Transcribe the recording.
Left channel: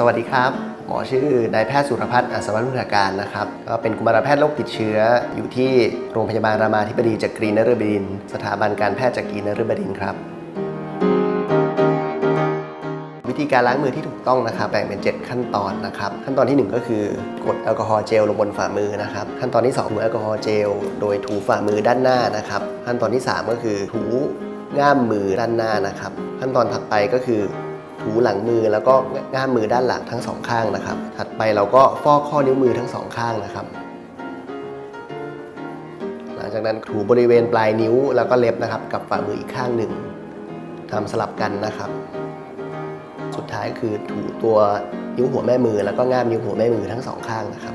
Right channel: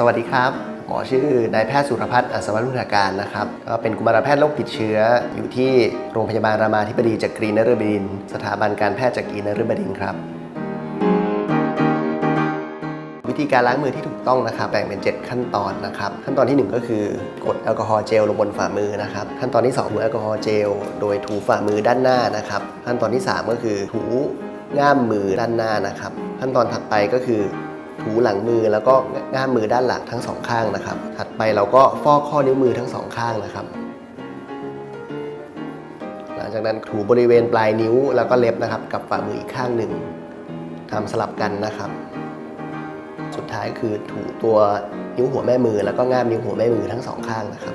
สวัสดีครับ หมอชื่อนายแพทย์สุรพัฒน์อัศวรุณาการนะครับ ก็เป็นกุมารแพทย์โรคติดเชื้อ อยู่ที่โรงพยาบาลรามาธิบดีจักรีนฤบดินทร์สถาบันการแพทย์จักรีนฤบดินทร์ครับ วิธีการล้างมือที่ถูกต้องนะครับ แบ่งเป็น 7 ขั้นตอนนะครับ ขั้นตอนทีหนึ่1 ก็คือกดแอลกอฮอล์เจลลงบนฝ่ามือนะครับ ขั้นตอนที่2ถูแอลกอฮอล์เจลโดยถูฝ่ามือด้านหน้านะครับ ขั้นตอนที่ 3 ก็คือถูง่ามมือด้านหน้านะครับ ขั้นตอนถัดไปก็คือ ถูหลังมือแล้วก็ง่ามมือด้านหลังทั้งสองข้างนะครับ ถัดไปเราก็ฟอกข้อนิ้วมือทั้งสองข้างนะครับ หลังจากนั้นถูบริเวณปลายนิ้วแล้วก็เล็บนะครับ กับฝ่ามืออีกข้างหนึ่งทำสลับกันนะครับ สุดท้ายคือถูตัวนิ้วหัวแม่มือ แล้วก็ง่ามนิ้วหัวแม่มือทั้งสองข้างนะครับ